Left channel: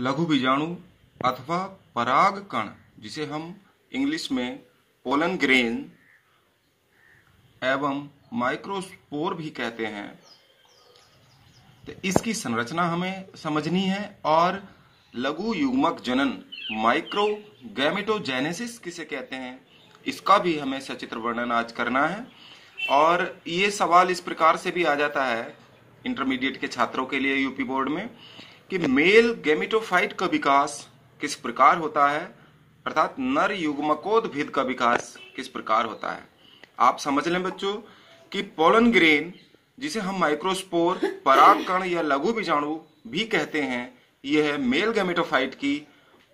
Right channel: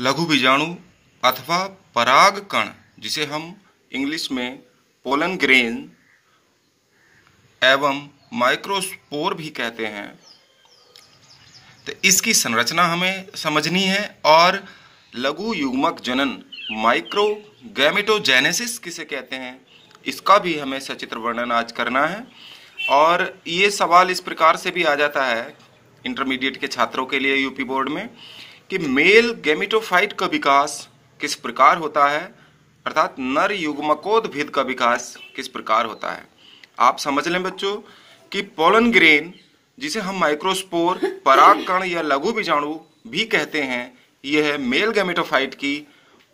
लघु बीजाणु अथवा परागकण, जिसे हम इंग्लिश में पोलन ग्रेन एवं माइक्रोस्पोर भी कहते हैं, तो इसकी संरचना हमें समझनी है। और लघु युग्मक जनन माइक्रो गैमेटोजेनेसिस किसे कहते हैं, इसका भी हमें सचित्र वर्णन आज करना है। और ये सवाल इस प्रकार से भी आ जाता है इंटरमीडिएट के छात्रों के लिए यूपी बोर्ड में कि मेल गैमेटोफाइट का विकास किस प्रकार होता है, अर्थात नर युग्मकोद्भिद का विकास किस प्रकार होता है। आप समझ लें बच्चों कि पोलन ग्रेन, जिसे हम माइक्रोस्पोर, परागकण या लघु बीजाणु भी कहते हैं, यह मेल गैमेटोफाइट की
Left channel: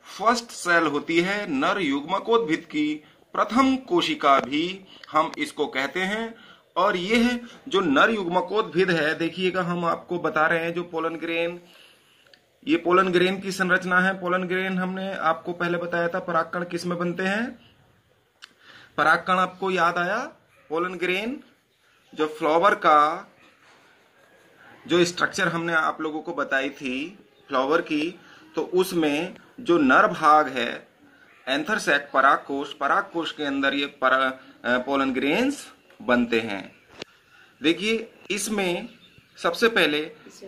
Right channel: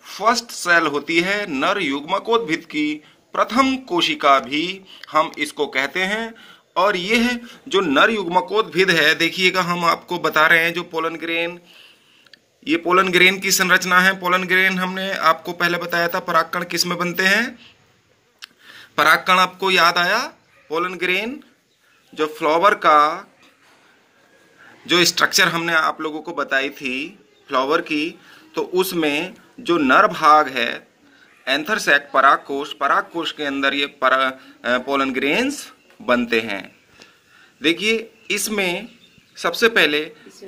फर्स्ट सेल होती है, नर युग्मकोद्भिद की प्रथम कोशिका भी हम इसको कहते हैं। और यह जो नर युग्मकोद्भिद है, देखिएगा हम आपको बता रहे हैं जो पोलन ग्रेन, ये पोलन ग्रेन की संरचना है। पोलन ग्रेन हमने आपको पहले बताया था परागकण किस में बनते हैं। परागकण आपको याद आया, पोलन ग्रेन जो फ्लावर का जो स्ट्रक्चर हमने आप लोगों को बताई थी फ्लावर की, तो उसमें जो नर भाग है एंथर सैक परागकोश, परागकोश के अंदर ये पोलन ग्रेन्स बनते हैं। देखिए इसमें सबसे पहले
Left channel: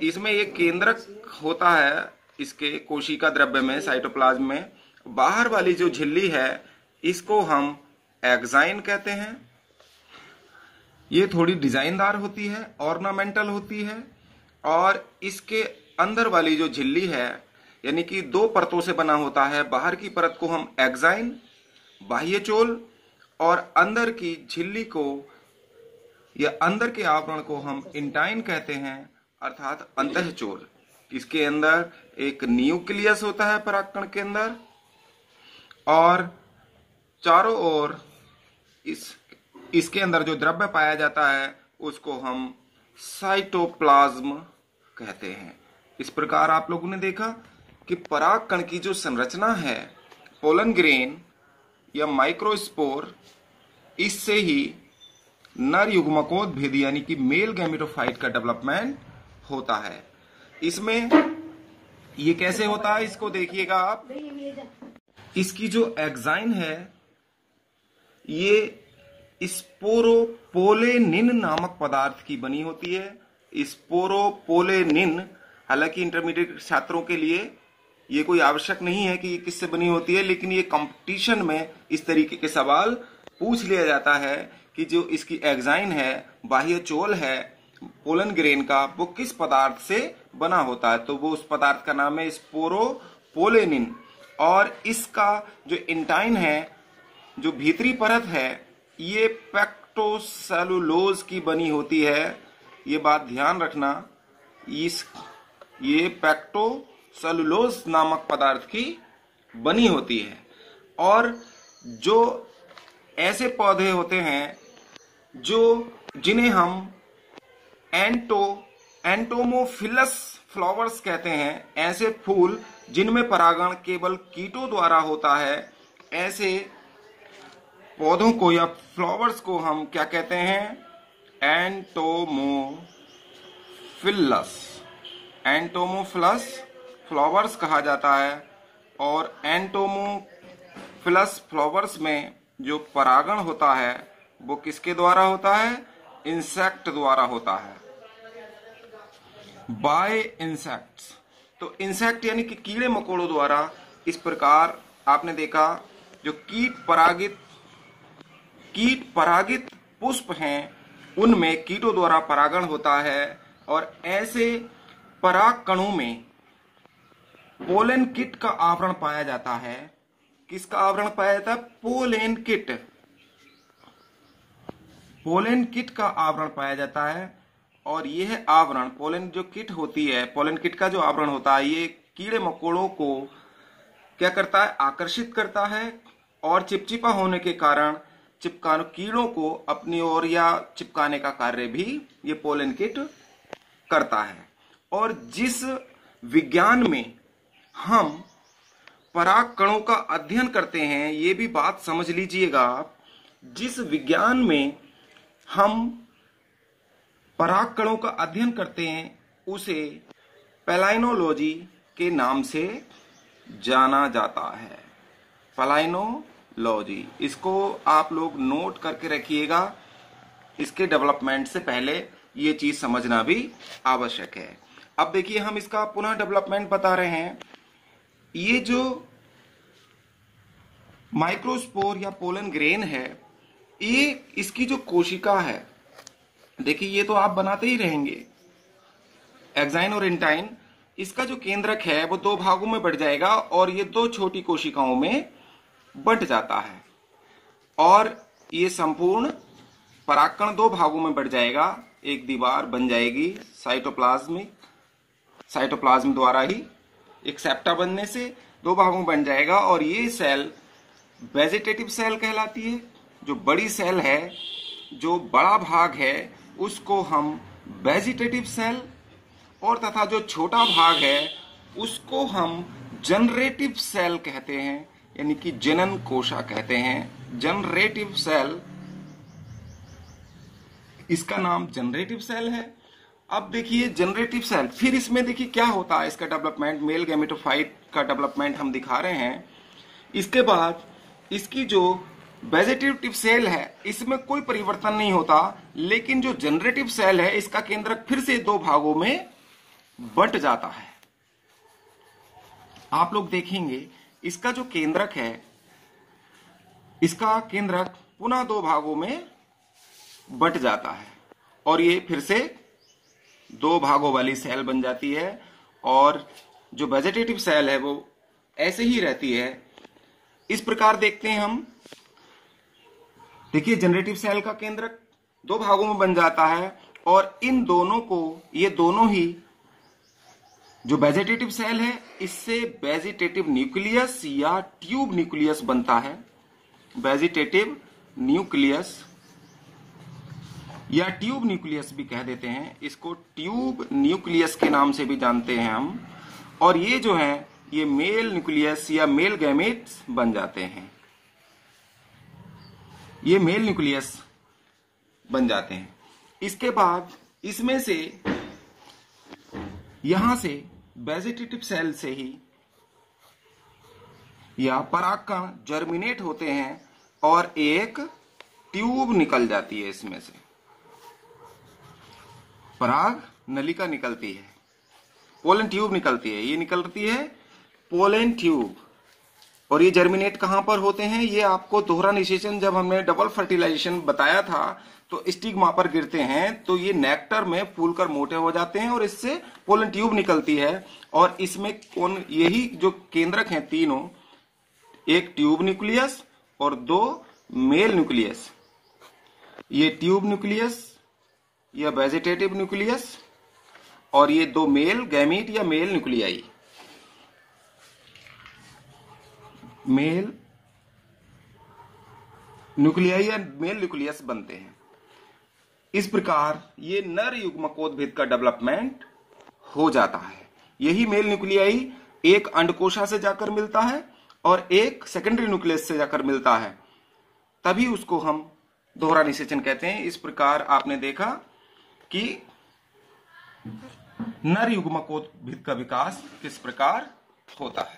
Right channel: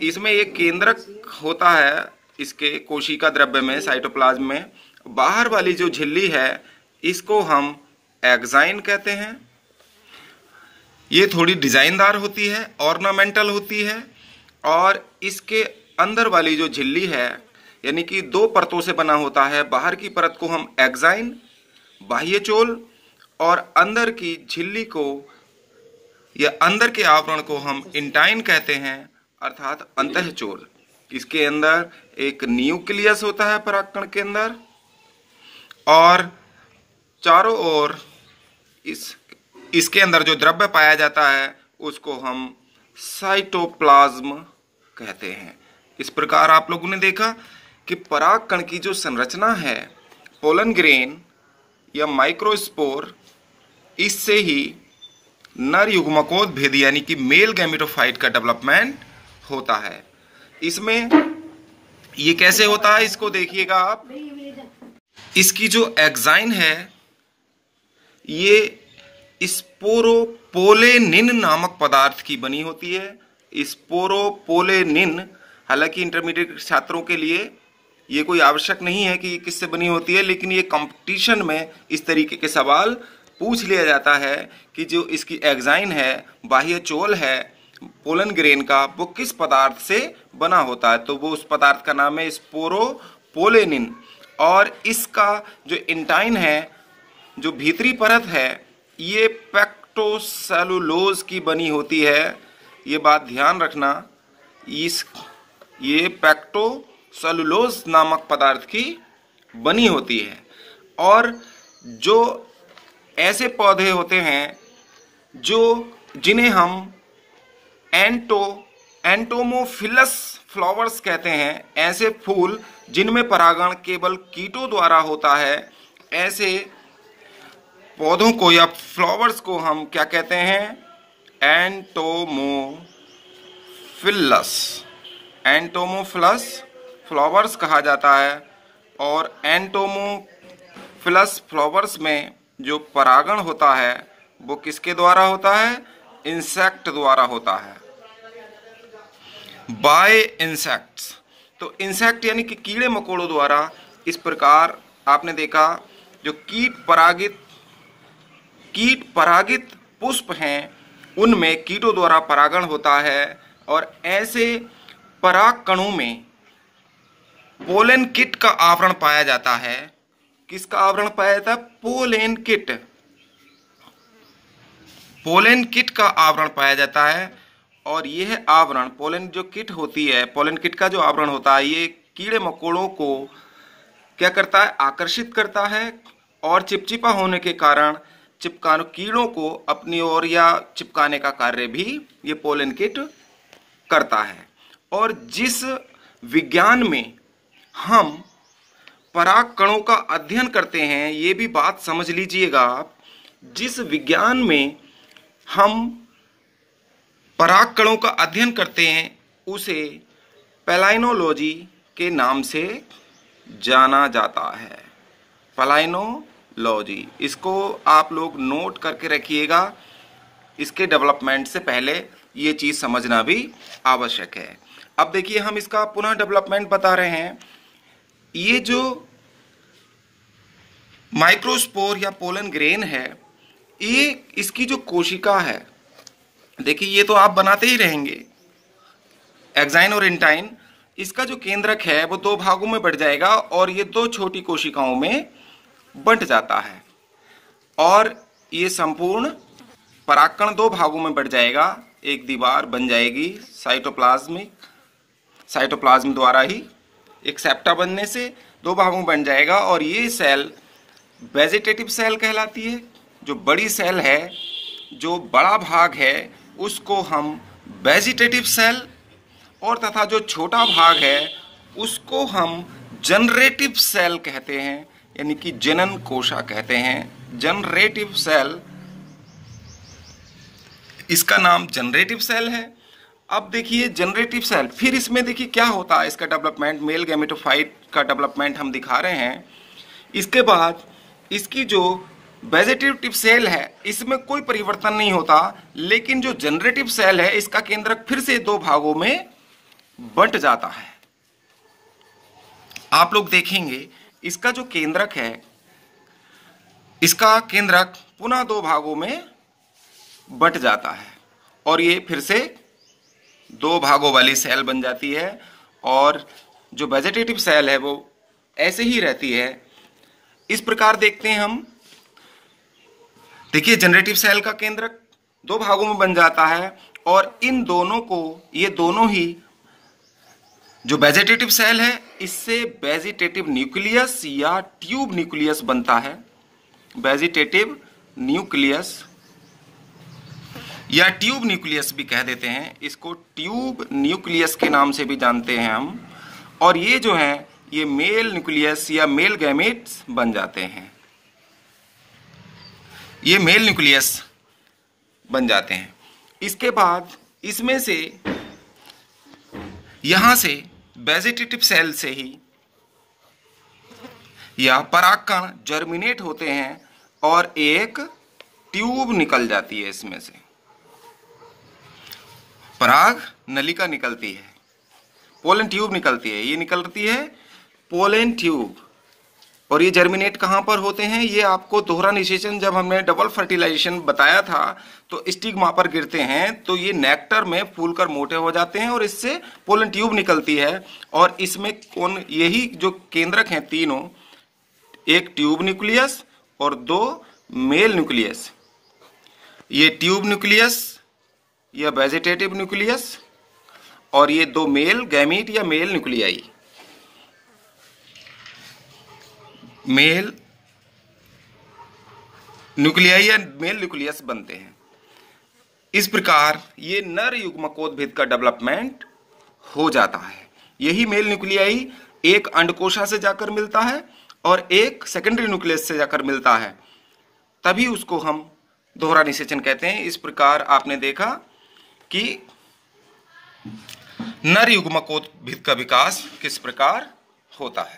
इसमें एक केंद्रक होता है इसके कोशिका द्रव्य में, साइटोप्लाज्म में। बाहर वाली जो झिल्ली है इसको हम एक्साइन कहते हैं। ये थोड़ी डिजाइनदार होती है, ऑर्नामेंटल होती है। और इसके अंदर वाली जो झिल्ली है यानी कि दो परतों से बना होता है। बाहर की परत को हम एक्साइन, बाह्यचोल, और अंदर की झिल्ली को या अंदर के आवरण को हम इंटाइन कहते हैं, अर्थात अंतःचोल। इसके अंदर एक न्यूक्लियस होता है परागकण के अंदर, और चारों ओर इसके अंदर जो द्रव्य पाया जाता है उसको हम साइटोप्लाज्म कहते हैं। इस प्रकार आप लोगों ने देखा कि परागकण की जो संरचना है पोलन ग्रेन या माइक्रोस्पोर, इससे ही नर युग्मकोद्भिद यानी कि मेल गैमेटोफाइट का डेवलपमेंट होता है। इसमें ये कैसे होता है इसको देखिएगा आप। इसकी जो एक्साइन है ये स्पोरोपोलेनिन नामक पदार्थ की बनी होती है। स्पोरोपोलेनिन, हालांकि इंटरमीडिएट छात्रों के लिए ये कोई आवश्यक नहीं है कि ये किससे बनी होती है, लेकिन ये कंपटीशन में इस तरीके के सवाल पूछ लिया जाता है कि जो इसकी एक्साइन है, बाह्य चोल है पोलन ग्रेन का, वो किस पदार्थ से बना होता है। तो वो उस पदार्थ का नाम है स्पोरोपोलेनिन। और इसका जो इंटाइन है, जो भीतरी परत है, ये पेक्टोसेलुलोज की बनी होती है। ये बात ध्यान रखना, ये पेक्टोसेलुलोज नामक पदार्थ की बनी होती है। और जो ऐसे पौधे होते हैं जिन्हें हम एंटोमोफिलस फ्लावर्स कहते हैं, ऐसे फूल जिनमें परागण केवल कीटों द्वारा होता है, ऐसे पौधों को या फ्लावर्स को हम क्या कहते हैं, एंटोमोफिलस फ्लावर्स कहा जाता है। और एंटोमोफिलस फ्लावर्स में जो परागण होता है वो किसके द्वारा होता है, इंसेक्ट द्वारा होता है, बाय इंसेक्ट्स। तो इंसेक्ट यानी कि कीड़े मकोड़ों द्वारा। इस प्रकार आपने देखा जो कीट परागित पुष्प हैं उनमें कीटों द्वारा परागण होता है। और ऐसे परागकणों में पोलन किट का आवरण पाया जाता है। किसका आवरण पाया जाता है, पोलन किट का आवरण पाया जाता है। और यह आवरण, पोलन जो किट होती है, पोलन किट का जो आवरण होता है, ये कीड़े मकोड़ों को क्या करता है, आकर्षित करता है। और चिपचिपा होने के कारण कीड़ों को अपनी ओर या चिपकाने का कार्य भी ये पोलन किट करता है। और जिस विज्ञान में हम परागकणों का अध्ययन करते हैं, ये भी बात समझ लीजिएगा आप, जिस विज्ञान में हम परागकणों का अध्ययन करते हैं उसे पैलाइनोलॉजी के नाम से जाना जाता है। पलायनोलॉजी, इसको आप लोग नोट करके रखिएगा। इसके डेवलपमेंट से पहले ये चीज समझना भी आवश्यक है। अब देखिए हम इसका पुनः डेवलपमेंट बता रहे हैं। ये जो माइक्रोस्पोर या पोलन ग्रेन है, ये इसकी जो कोशिका है, देखिए ये तो आप बनाते ही रहेंगे, एक्साइन और इंटाइन। इसका जो केंद्रक है वो दो भागों में बढ़ जाएगा और ये दो छोटी कोशिकाओं में बंट जाता है और ये संपूर्ण परागकण दो भागों में बढ़ जाएगा। एक दीवार बन जाएगी साइटोप्लाज्म द्वारा ही एक सेप्टा बनने से दो भागों में बन जाएगा और ये सेल वेजिटेटिव सेल कहलाती है। जो बड़ी सेल है, जो बड़ा भाग है, उसको हम वेजिटेटिव सेल और तथा जो छोटा भाग है उसको हम जनरेटिव सेल कहते हैं, यानी कि जनन कोशा कहते हैं। जनरेटिव सेल, इसका नाम जनरेटिव सेल है। अब देखिए जनरेटिव सेल, फिर इसमें देखिए क्या होता है इसका डेवलपमेंट। मेल गैमेटोफाइट का डेवलपमेंट हम दिखा रहे हैं। इसके बाद इसकी जो वेजिटेटिव सेल है इसमें कोई परिवर्तन नहीं होता, लेकिन जो जनरेटिव सेल है इसका केंद्रक फिर से दो भागों में बंट जाता है। आप लोग देखेंगे इसका जो केंद्रक है, इसका केंद्रक पुनः दो भागों में बंट जाता है और ये फिर से दो भागों वाली सेल बन जाती है और जो वेजिटेटिव सेल है वो ऐसे ही रहती है। इस प्रकार देखते हैं हम। देखिए जनरेटिव सेल का केंद्रक दो भागों में बन जाता है और इन दोनों को, ये दोनों ही जो वेजिटेटिव सेल है इससे वेजिटेटिव न्यूक्लियस या ट्यूब न्यूक्लियस बनता है। वेजिटेटिव न्यूक्लियस या ट्यूब न्यूक्लियस भी कह देते हैं इसको, ट्यूब न्यूक्लियस के नाम से भी जानते हैं हम। और ये जो है ये मेल न्यूक्लियस या मेल गैमेट्स बन जाते हैं। ये मेल न्यूक्लियस बन जाते हैं। इसके बाद इसमें से, यहां से वेजिटेटिव सेल से ही या परागकण जर्मिनेट होते हैं और एक ट्यूब निकल जाती है। इसमें से पराग नलिका निकलती है, पोलन ट्यूब निकलती है। ये निकलती है पोलन ट्यूब। और ये जर्मिनेट कहां पर होते हैं, ये आपको दोहरा निषेचन जब हमने डबल फर्टिलाइजेशन बताया था तो स्टिग्मा पर गिरते हैं तो ये नेक्टर में फूलकर मोटे हो जाते हैं और इससे पोलन ट्यूब निकलती है। और इसमें कौन, यही जो केंद्रक हैं तीनों, एक ट्यूब न्यूक्लियस और दो मेल न्यूक्लियस। ये ट्यूब न्यूक्लियस या वेजिटेटिव न्यूक्लियस और ये दो मेल गैमीट या मेल न्यूक्लियाई, मेल न्यूक्लियाई या मेल न्यूक्लियस बनते हैं। इस प्रकार ये नर युग्मकोद्भिद का डेवलपमेंट हो जाता है। यही मेल न्यूक्लियाई एक अंडकोशा से जाकर मिलता है और एक सेकेंडरी न्यूक्लियस से जाकर मिलता है, तभी उसको हम दोहरा निषेचन कहते हैं। इस प्रकार आपने देखा कि नर युग्मकोद्भिद का विकास किस प्रकार होता है।